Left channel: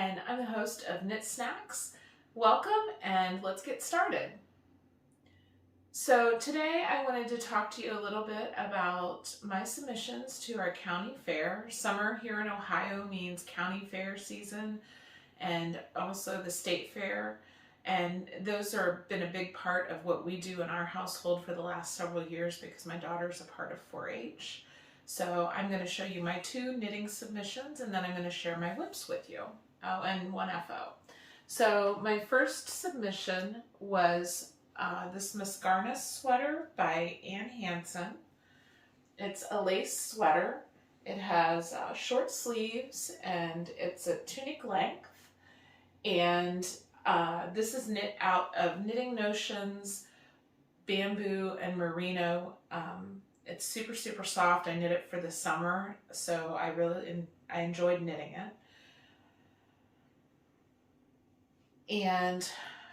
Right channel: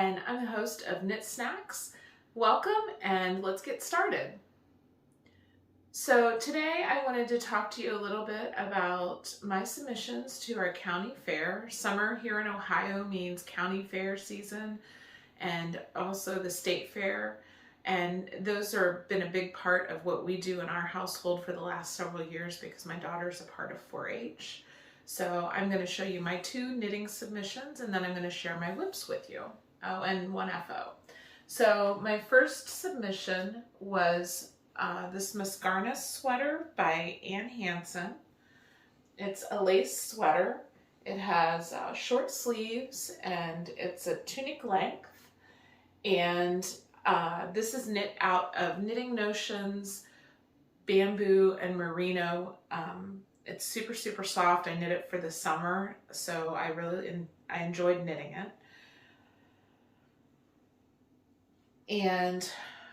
and I'm the host of Knit Snacks. Welcome, and let's get started. So today I wanted to talk to you a little bit about my submissions to our county fair. Summer here in Ohio means county fair season and also the state fair. And those have been a big part of what we do in our household for the last several years because my daughter's a part of 4-H. So I'm going to show you my 2 knitting submissions, and then I'm going to share my whips with you. Oh, and 1 FO. So my first submission was this Mascara sweater by Hansen. It's a lace sweater. It has short sleeves and it's a tunic length. And this is knit out of Knitting Notions, bamboo, and merino. It's super, super soft. I knit it for the summer, so I enjoyed knitting it. And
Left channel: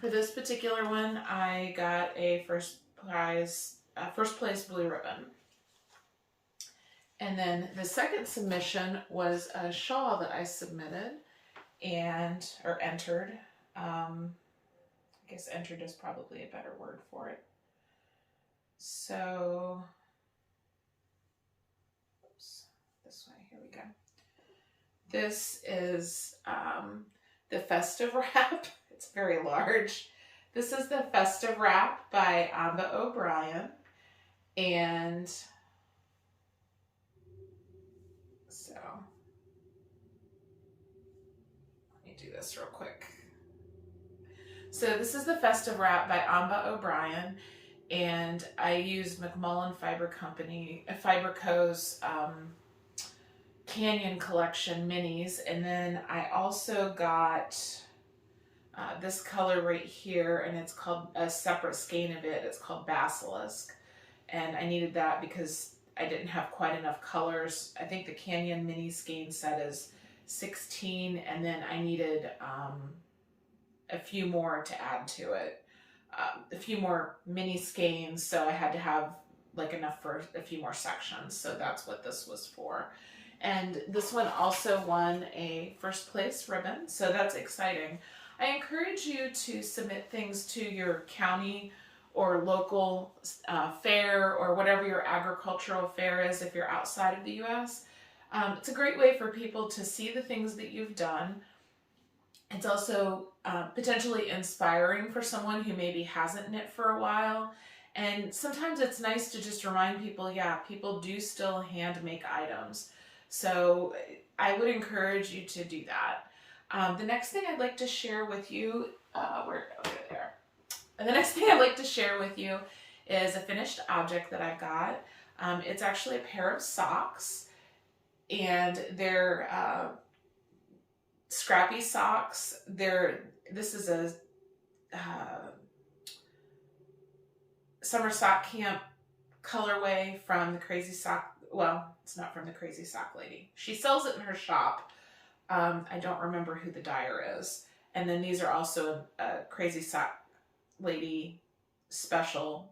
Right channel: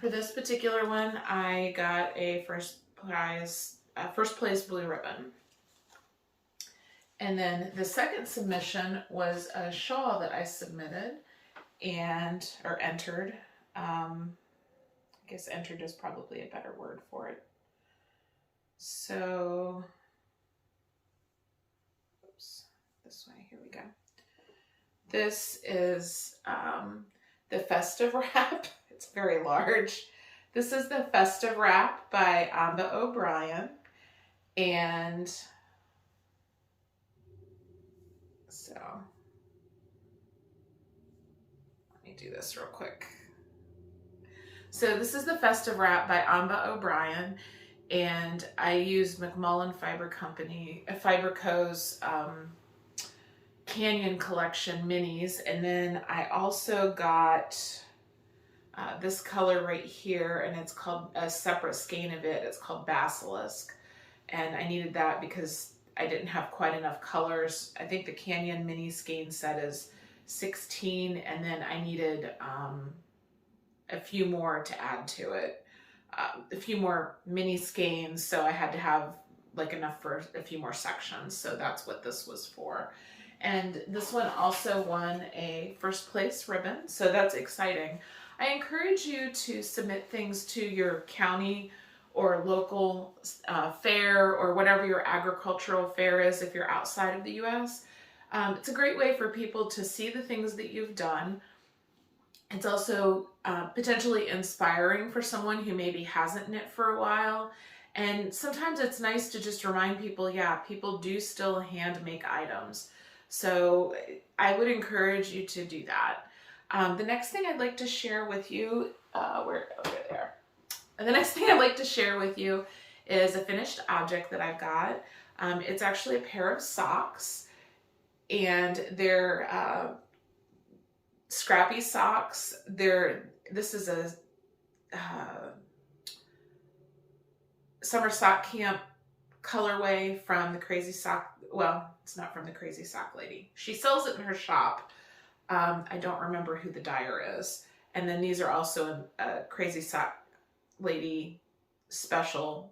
for this particular one, I got a first place blue ribbon. And then the second submission was a shawl that I submitted or entered. I guess entered is probably a better word for it. So, oops, this way, here we go. This is the Festive Wrap. It's very large. This is the Festive Wrap by Amba and so let me do this real quick. So this is the Festive Wrap by Amba, and I used McMullen Fiber Co.'s Canyon Collection minis, and then I also got this color right here, and it's called a separate skein of it. It's called Basilisk, and I needed that because I didn't have quite enough colors. I think the Canyon mini skein set is 16, and then I needed a few more to add to it, a few more mini skeins, so I had to have like enough for a few more sections. So that's what this was for. And this one also won a first place ribbon, so that's exciting. I encourage you to submit things to your county or local fair or whatever your agricultural fair is if you're outside of the U.S. It's a great way for people to see the things that you've done. It's also potentially inspiring for someone who maybe hasn't knit for a while. And sometimes it's nice to just remind people, yeah, people do still hand make items. So I would encourage you to do that. The next thing I'd like to share with you, the next thing I'd like to share with you is a finished object that I've got. It's actually a pair of socks, and they're scrappy socks. This is a summer sock camp colorway from the Crazy Sock. Well, it's not from the Crazy Sock Lady. She sells it in her shop. I don't remember who the dyer is. And then these are also a Crazy Sock Lady special.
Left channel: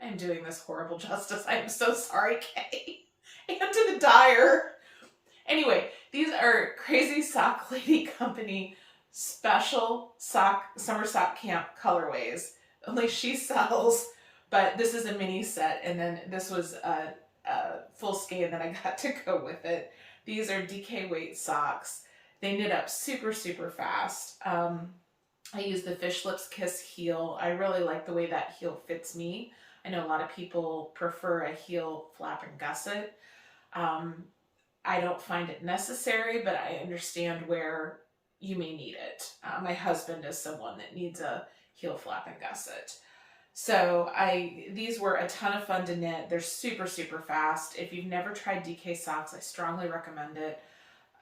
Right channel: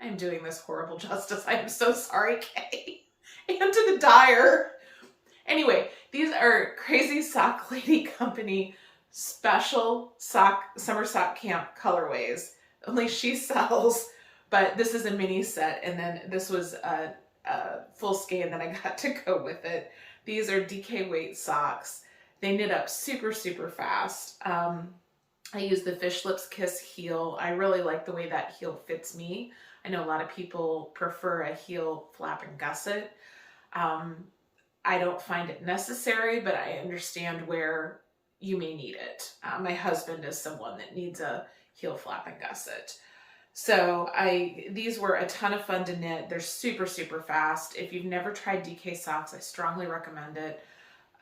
I am doing this horrible justice. I am so sorry, Kay. And to the dyer. Anyway, these are Crazy Sock Lady Company special summer sock camp colorways. Only she sells, but this is a mini set, and then this was a full skein that I got to go with it. These are DK weight socks. They knit up super, super fast. I use the Fish Lips Kiss heel. I really like the way that heel fits me. I know a lot of people prefer a heel flap and gusset. I don't find it necessary, but I understand where you may need it. My husband is someone that needs a heel flap and gusset. So these were a ton of fun to knit. They're super, super fast. If you've never tried DK socks, I strongly recommend it.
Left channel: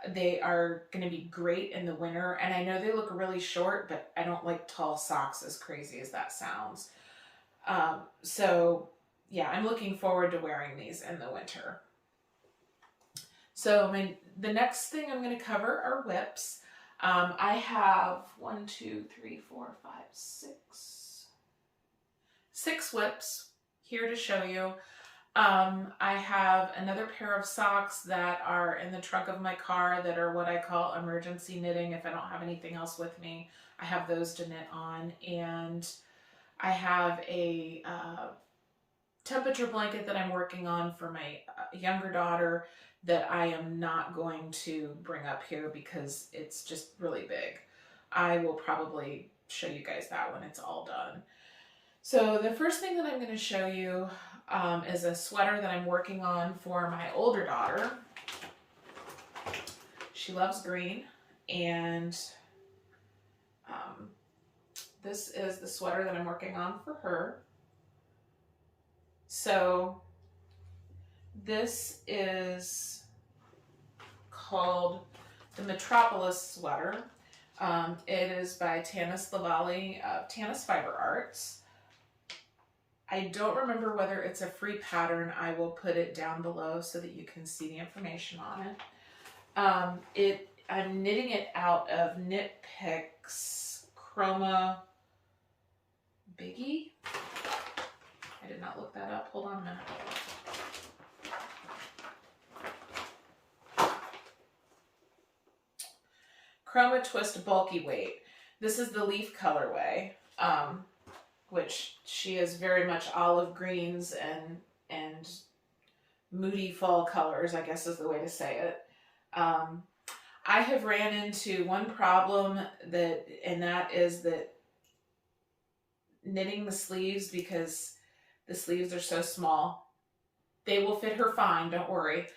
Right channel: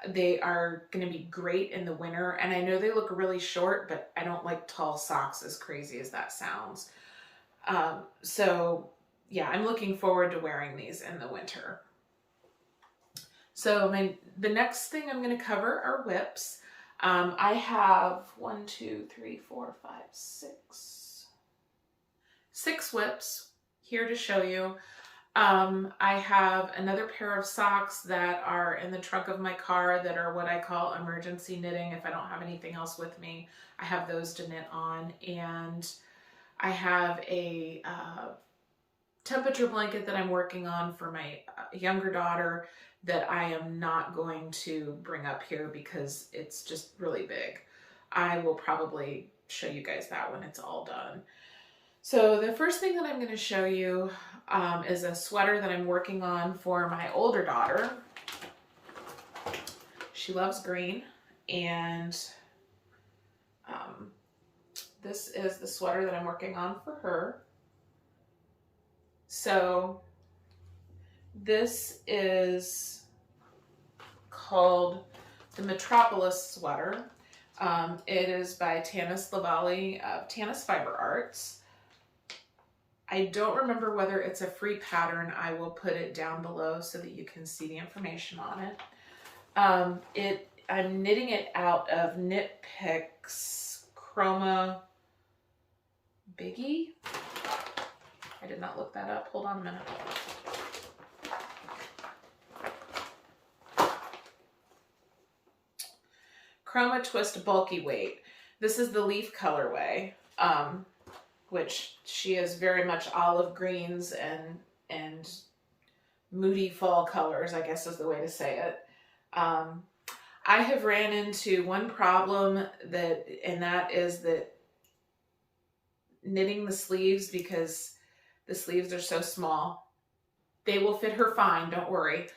They are going to be great in the winter. And I know they look really short, but I don't like tall socks, as crazy as that sounds. So yeah, I'm looking forward to wearing these in the winter. So the next thing I'm going to cover are whips. I have 6 whips here to show you. I have another pair of socks that are in the trunk of my car that are what I call emergency knitting. If I don't have anything else with me, I have those to knit on. And I have a temperature blanket that I'm working on for my younger daughter that I am not going to bring up here because it's just really big. I will probably show you guys that when it's all done. So the first thing that I'm going to show you is a sweater that I'm working on for my older daughter. She loves green, and this is the sweater that I'm working on for her. So this is called the Metropolis Sweater. It is by Tanis Lavallee of Tanis Fiber Arts. I don't remember whether it's a free pattern. I will put it down below so that you can see the information on it. I'm knitting it out of Knit Picks Chroma Biggie. I did not look that up. Hold on a minute. Chroma Twist Bulky Weight. This is the leaf colorway, which she is very much olive greens and moody fall colors, I guess is the way to say it. I have ran into one problem and that is that knitting the sleeves, because the sleeves are so small, they will fit her fine, don't worry.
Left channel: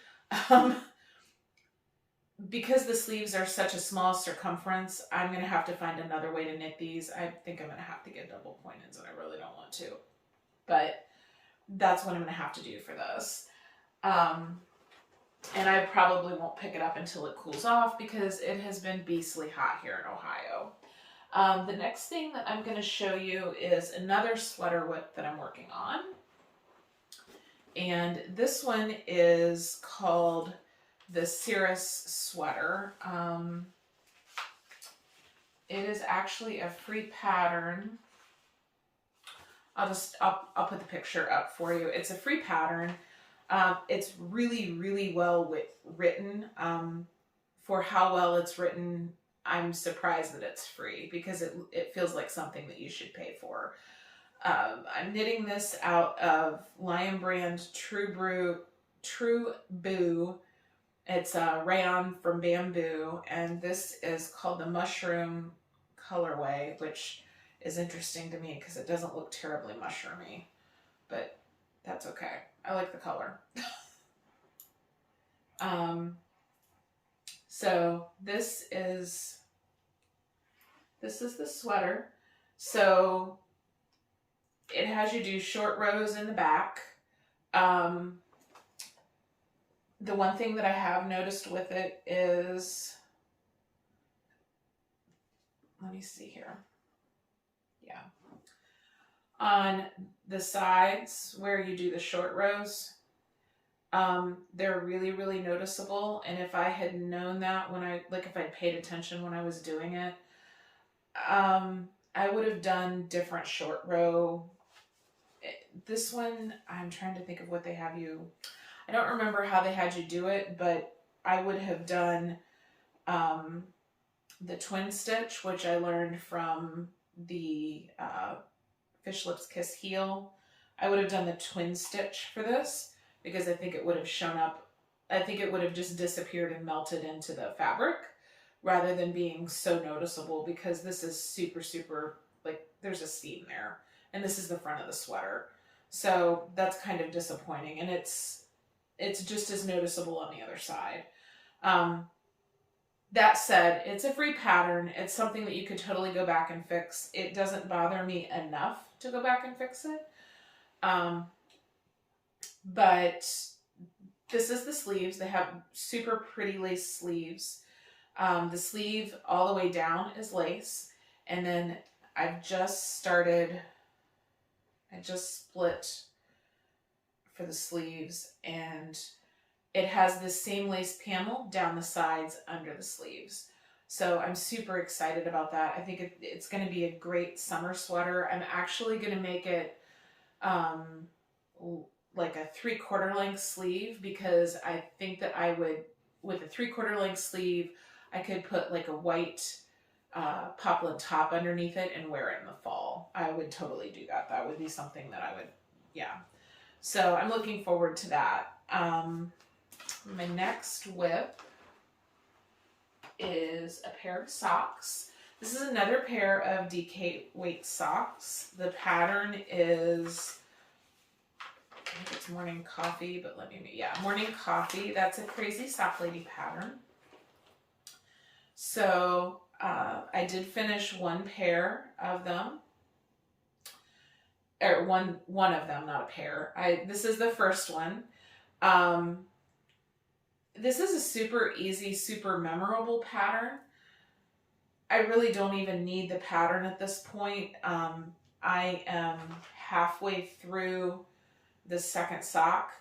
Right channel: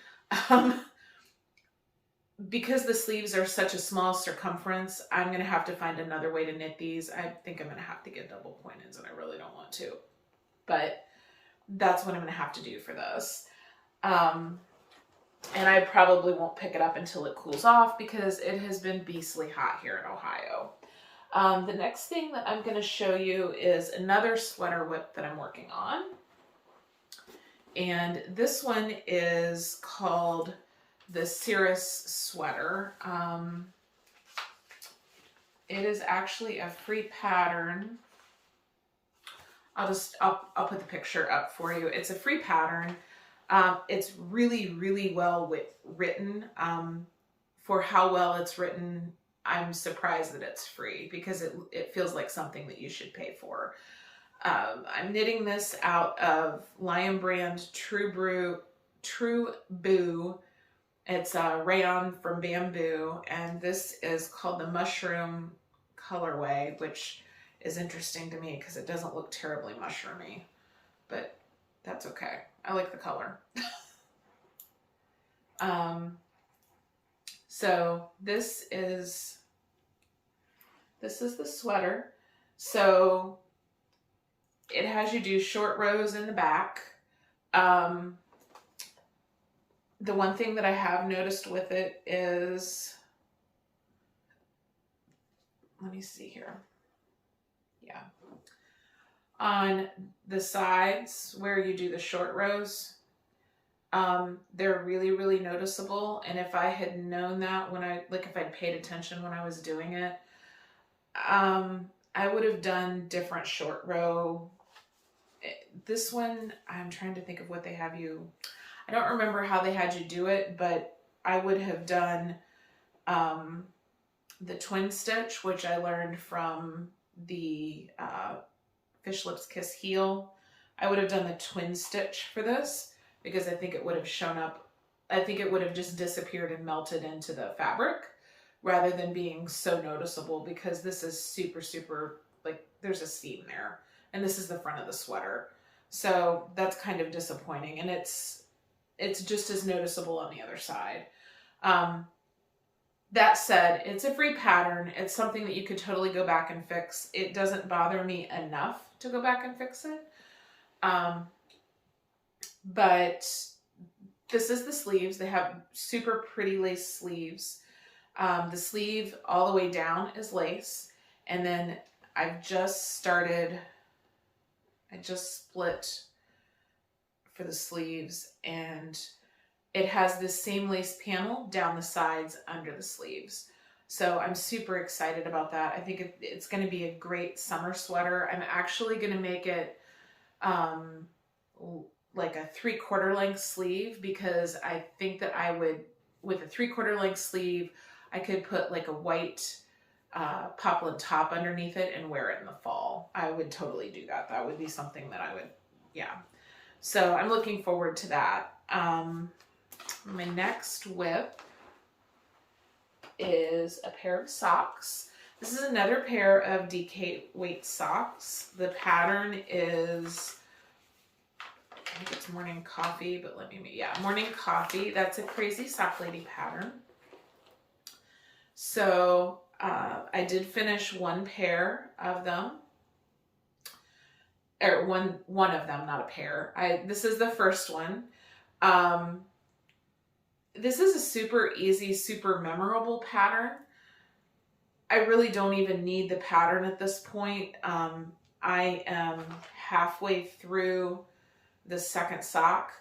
Because the sleeves are such a small circumference, I'm going to have to find another way to knit these. I think I'm going to have to get double pointeds, and I really don't want to. But that's what I'm going to have to do for this. And I probably won't pick it up until it cools off because it has been beastly hot here in Ohio. The next thing that I'm going to show you is another sweater whip that I'm working on. And this one is called the Cirrus Sweater. It is actually a free pattern. I'll put the picture up for you. It's a free pattern. It's really, really well written. For how well it's written, I'm surprised that it's free because it feels like something that you should pay for. I'm knitting this out of Lion Brand True Boo. It's a rayon from bamboo, and this is called the Mushroom colorway, which is interesting to me because it doesn't look terribly mushroomy, but that's okay. I like the color. So this is the sweater. So it has you do short rows in the back. The one thing that I have noticed with it is, let me see here. Yeah. On the sides where you do the short rows, they're really, really noticeable. And if I had known that if I'd paid attention when I was doing it, I would have done different short row. This one, I'm trying to think of what they have you. I don't remember how they had you do it, but I would have done the twin stitch, which I learned from the Fish Lips Kiss heel. I would have done the twin stitch for this because I think it would have shown up. I think it would have just disappeared and melted into the fabric rather than being so noticeable, because this is super, super, like, there's a seam there. And this is the front of the sweater. So that's kind of disappointing. And it's just as noticeable on the other side. That said, it's a free pattern. It's something that you could totally go back and fix. It doesn't bother me enough to go back and fix it. But this is the sleeves. They have super pretty lace sleeves. The sleeve all the way down is lace. And then I just split for the sleeves, and it has this same lace panel down the sides under the sleeves. So I'm super excited about that. I think it's going to be a great summer sweater. I'm actually going to make it like a 3/4 length sleeve, because I think that I would, with a 3/4 length sleeve, I could put like a white poplin top underneath it and wear it in the fall. I would totally do that. That would be something that I would, yeah. So I'm looking forward to that. My next whip is a pair of socks. This is another pair of DK weight socks. The pattern is, I think it's Morning Coffee, but Morning Coffee. That's a Crazy Sock Lady pattern. So I did finish one pair of them, or one of them, not a pair. This is the first one. This is a super easy, super memorable pattern. I really don't even need the pattern at this point. I am halfway through the second sock,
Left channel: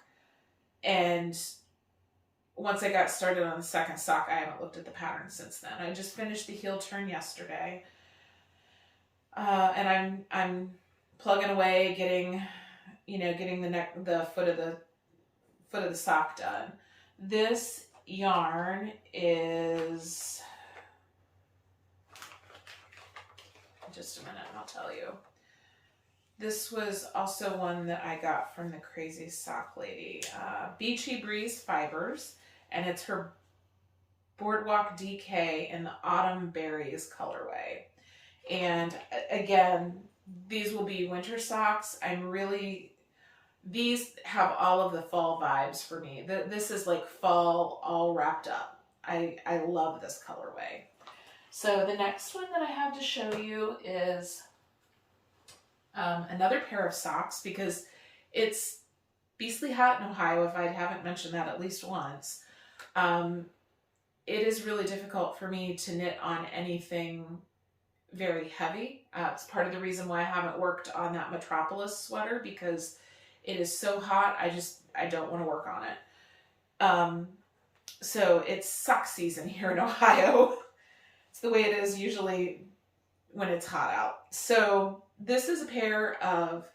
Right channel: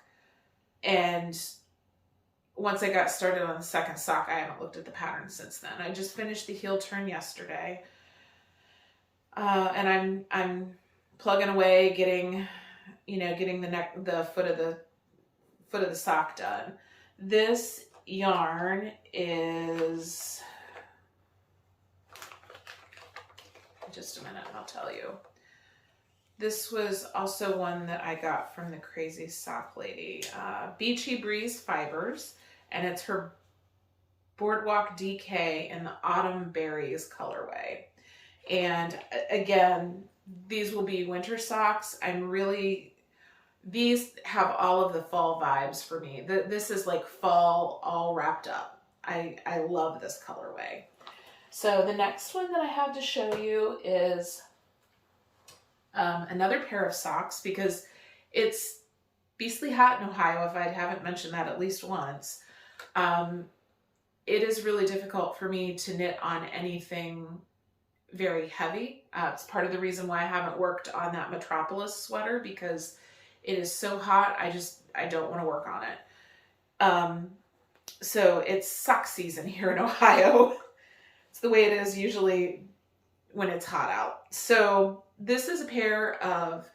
and once I got started on the second sock, I haven't looked at the pattern since then. I just finished the heel turn yesterday, and I'm plugging away, getting the foot of the sock done. This yarn is, just a minute and I'll tell you. This was also one that I got from the Crazy Sock Lady. Beachy Breeze Fibers, and it's her Boardwalk DK in the Autumn Berries colorway. And again, these will be winter socks. These have all of the fall vibes for me. This is like fall all wrapped up. I love this colorway. So the next one that I have to show you is another pair of socks, because it's beastly hot in Ohio, if I haven't mentioned that at least once. It is really difficult for me to knit on anything very heavy. It's part of the reason why I haven't worked on that Metropolis sweater, because it is so hot. I don't want to work on it. So it's sock season here in Ohio. It's the way it is usually when it's hot out. So this is a pair of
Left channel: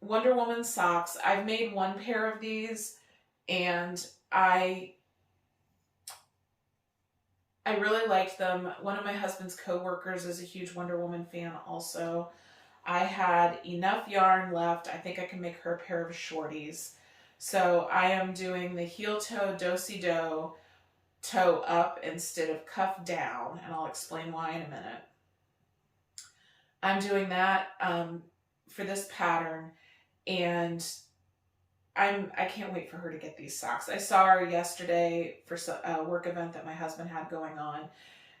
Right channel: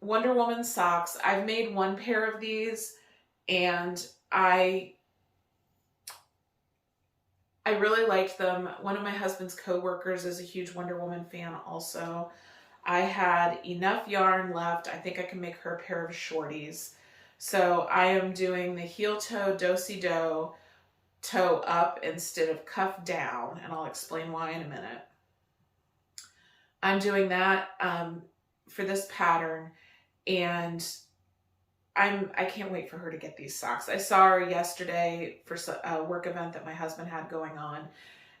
Wonder Woman socks. I've made one pair of these, and I really liked them. One of my husband's co-workers is a huge Wonder Woman fan also. I had enough yarn left. I think I can make her a pair of shorties. So I am doing the heel toe do-si-do, toe up instead of cuff down, and I'll explain why in a minute. I'm doing that for this pattern, and I can't wait for her to get these socks. I saw her yesterday for a work event that my husband had going on,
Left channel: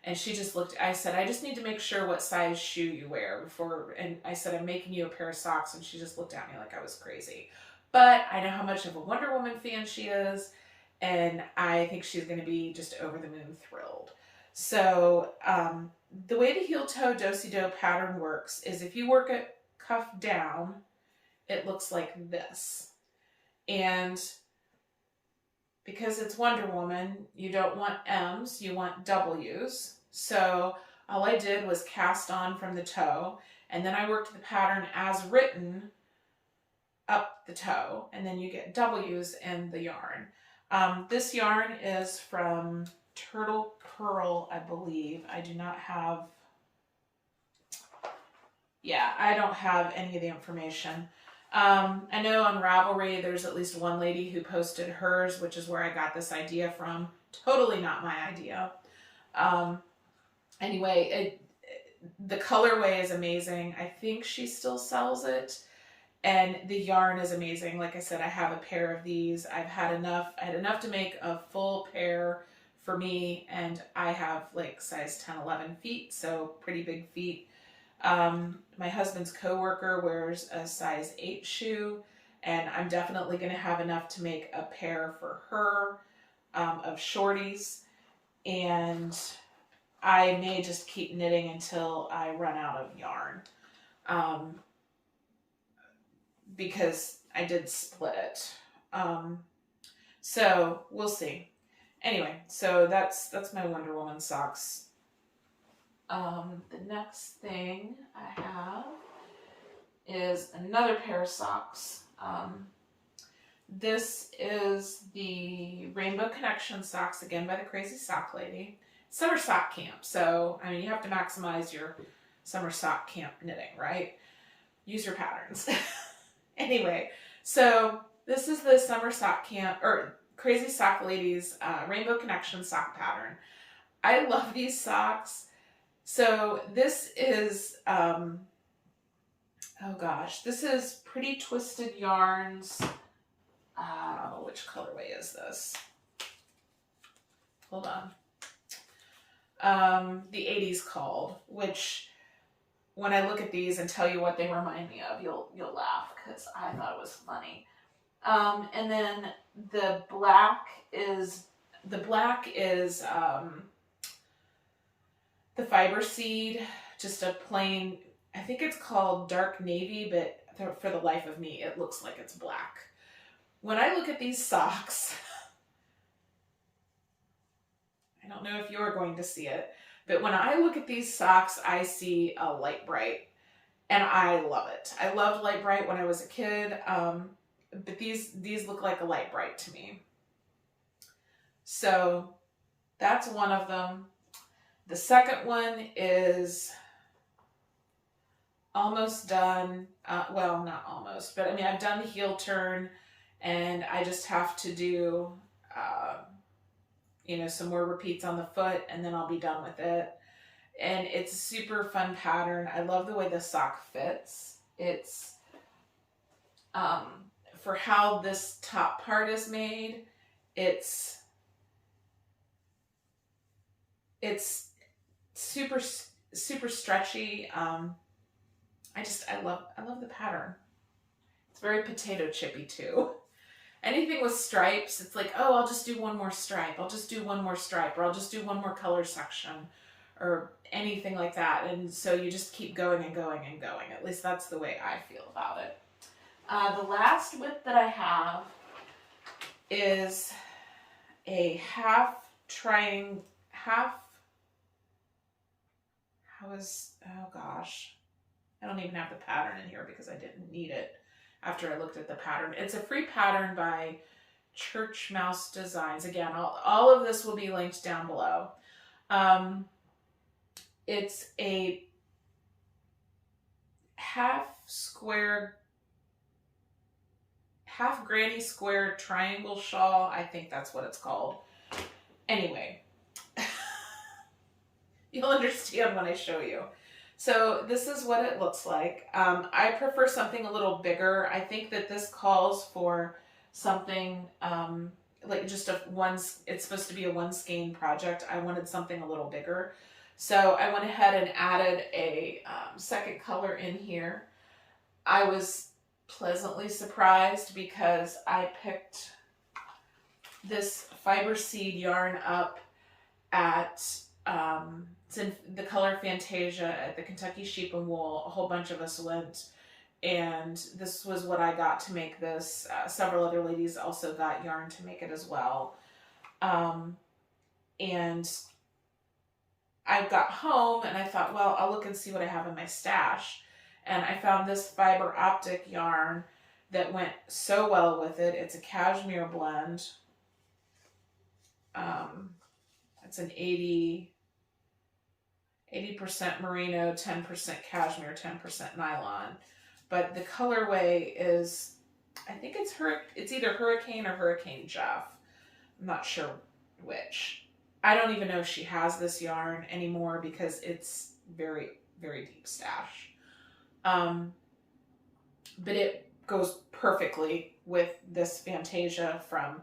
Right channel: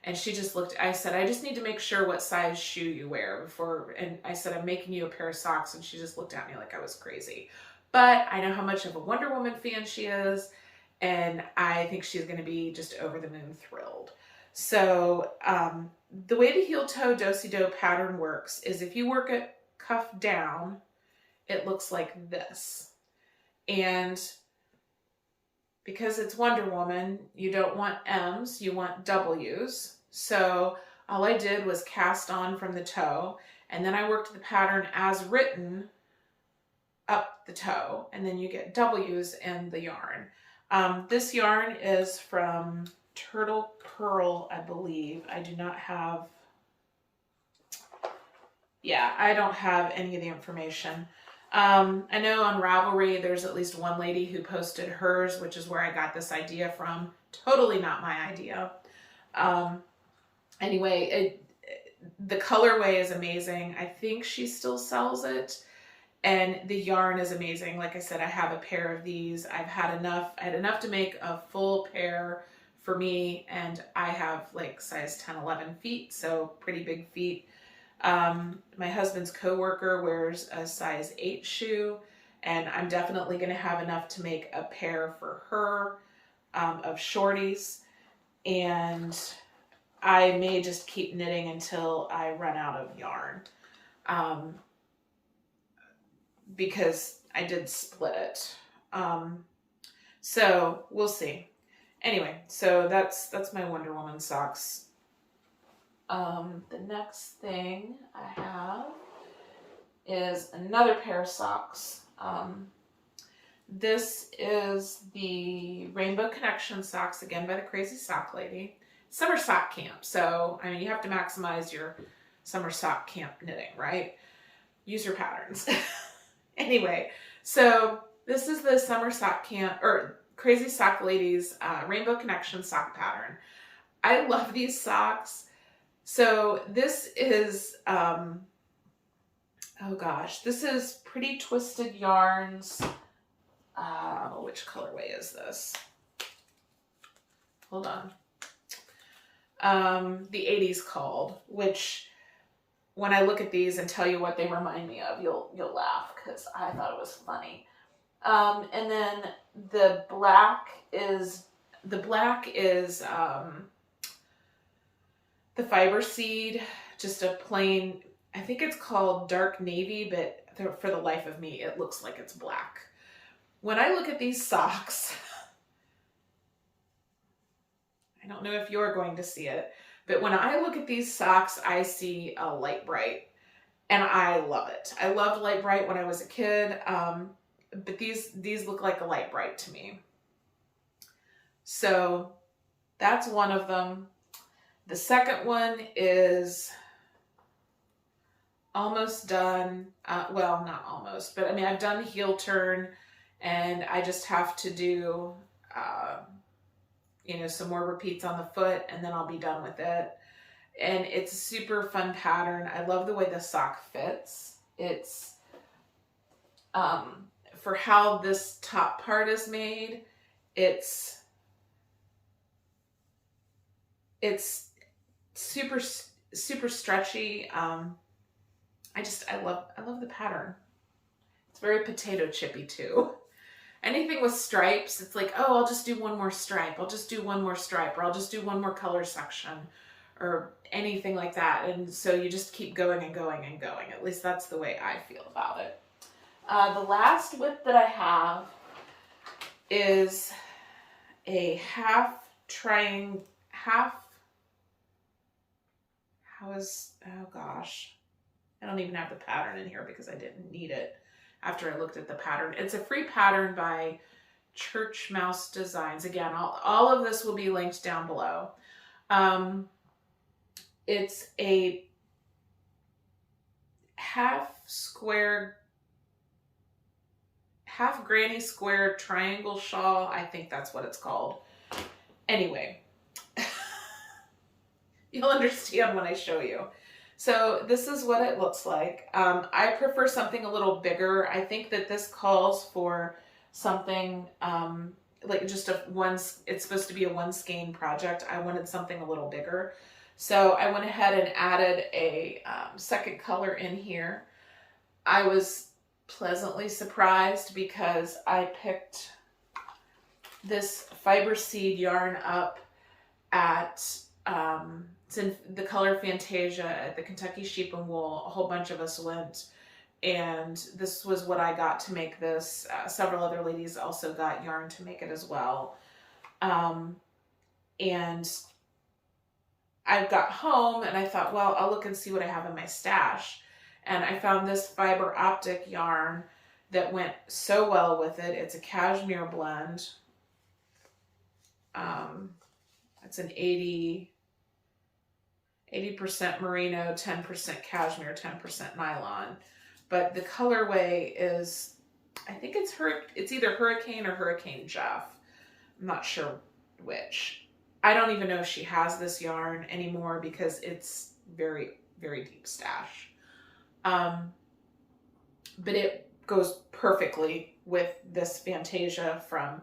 and she just looked, I said, I just need to make sure what size shoe you wear before, and I said, I'm making you a pair of socks, and she just looked at me like I was crazy. But I know how much of a Wonder Woman fan she is, and I think she's going to be just over the moon thrilled. So the way the heel toe do-si-do pattern works is if you work it cuff down, it looks like this. And because it's Wonder Woman, you don't want M's, you want W's. So all I did was cast on from the toe, and then I worked the pattern as written up the toe, and then you get W's in the yarn. This yarn is from Turtle Pearl, I believe. I do not have, I don't have any of the information. I know on Ravelry, there's at least one lady who posted hers, which is where I got this idea from. Totally not my idea. Anyway, the colorway is amazing. I think she still sells it. And the yarn is amazing. Like I said, I have a pair of these. I had enough to make a full pair for me, and I have like size 10, 11 feet, so pretty big feet. My husband's coworker wears a size 8 shoe, and I'm definitely going to have enough to make a pair for her of shorties, and I may just keep knitting until I run out of yarn. Because I did split it. So we'll see. Anyway, so that's my Wonder Woman socks. The next thing I have is another pair of socks. This is the Rainbow Connection socks, again by the Crazy Sock Lady. Summer sock camp, so I mean, you have to maximize your summer sock camp knitting, right? Use your patterns. Anyway, so this is the Summer Sock Camp, or Crazy Sock Lady's Rainbow Connection sock pattern. I love these socks. So this is, oh gosh, this is Pretty Twisted Yarns. Which colorway is this? Hold on. The 80s called, which when I look at these and tell you what they remind me of, you'll laugh because I thought it was funny. And then the black is the fiber seed, just a plain, I think it's called dark navy, but for the life of me, it looks like it's black. When I look at these socks, I don't know if you're going to see it, but when I look at these socks, I see a light bright, and I love it. I loved light bright when I was a kid, but these look like a light bright to me. So that's one of them. The second one is almost done. Well, not almost, but I mean, I've done heel turn, and I just have to do, you know, some more repeats on the foot, and then I'll be done with it. And it's a super fun pattern. I love the way the sock fits. It's, for how this top part is made, it's super stretchy. I love the pattern. It's very potato chippy too. Anything with stripes, it's like, oh, I'll just do one more stripe. I'll just do one more stripe, or I'll just do one more color section, or anything like that. And so you just keep going and going and going. At least that's the way I feel about it. The last whip that I have is a oh gosh, I don't even have the pattern in here because I didn't need it after I looked at the pattern. It's a free pattern by Church Mouse Designs. Again, all of this will be linked down below. It's a half granny square triangle shawl. I think that's what it's called. Anyway, you'll understand when I show you. So this is what it looks like. I prefer something a little bigger. I think that this calls for something like just it's supposed to be a one skein project. I wanted something a little bigger. So I went ahead and added a second color in here. I was pleasantly surprised because I picked this fiber seed yarn up at, it's in the color Fantasia at the Kentucky Sheep and Wool. A whole bunch of us went, and this was what I got to make this. Several other ladies also got yarn to make it as well. And I got home and I thought, well, I'll look and see what I have in my stash. And I found this fiber optic yarn that went so well with it. It's a cashmere blend. It's an 80% merino, 10% cashmere, 10% nylon. But the colorway is, I think it's either Hurricane or Hurricane Jeff. I'm not sure which. I don't even know if she has this yarn anymore because it's very, very deep stash. But it goes perfectly with this Fantasia from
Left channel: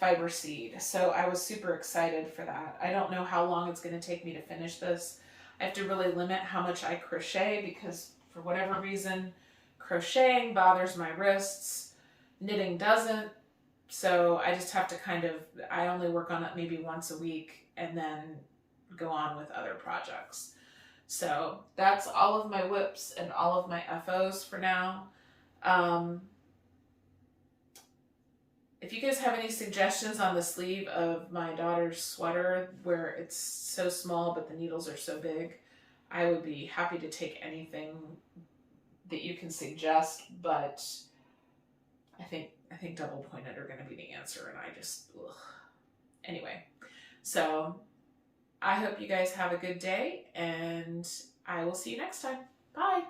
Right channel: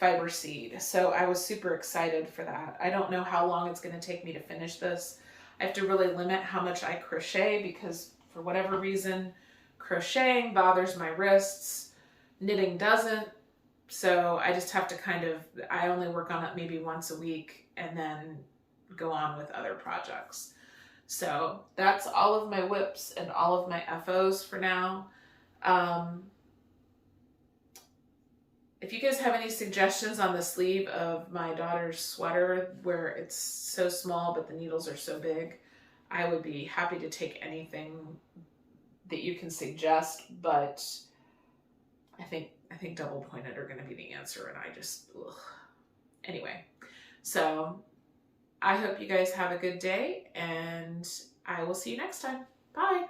Fiber Seed. So I was super excited for that. I don't know how long it's going to take me to finish this. I have to really limit how much I crochet because for whatever reason, crocheting bothers my wrists. Knitting doesn't. So I just have to I only work on it maybe once a week and then go on with other projects. So that's all of my whips and all of my FOs for now. If you guys have any suggestions on the sleeve of my daughter's sweater where it's so small but the needles are so big, I would be happy to take anything that you can suggest, but I think double pointed are going to be the answer, and I just, ugh. Anyway, so I hope you guys have a good day, and I will see you next time. Bye.